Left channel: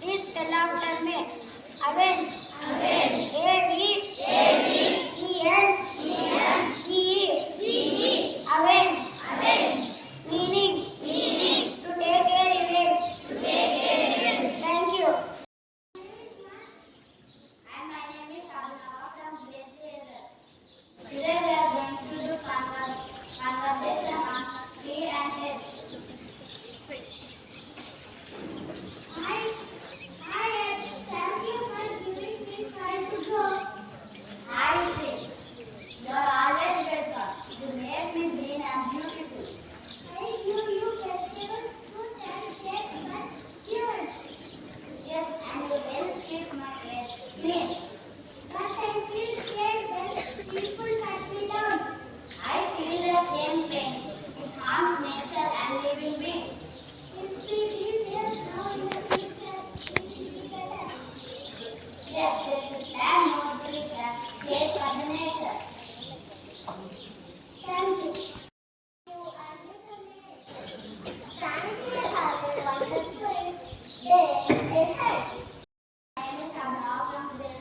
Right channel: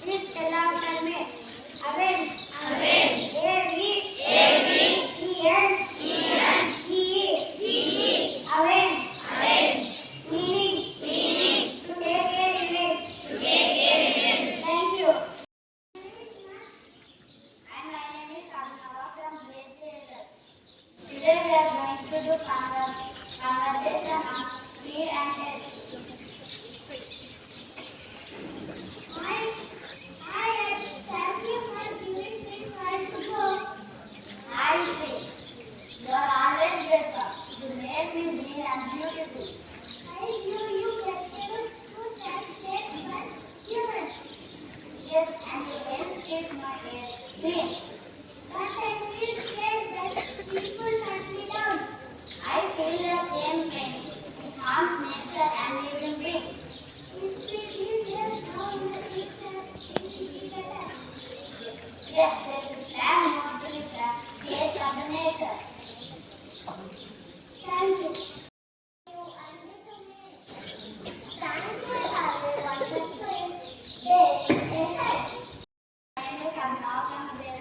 Please spell out her name. Avenge. Avenge. A-V-E-N-G-E. Avenge. Avenge. Meaning. Meaning. To take a revenge. To take a revenge. Thank you. And my name is Abhinav from Grade III Hazel. Today we are going to do conversation on speed and haste. Thank you for giving me time to go. Hi, you are always welcome. You make me green and beautiful. I give you vegetables, fruits and cake for humans. Yes, and you help keep my hair clean. But I feel scared that people cut me down. I feel the same pain. It harms nature and living beings. If we live here now in the future, it will be better. Yes, they should plan more to the case of the nature. Thank you. Thank you, Harry, on the day ahead. I am now from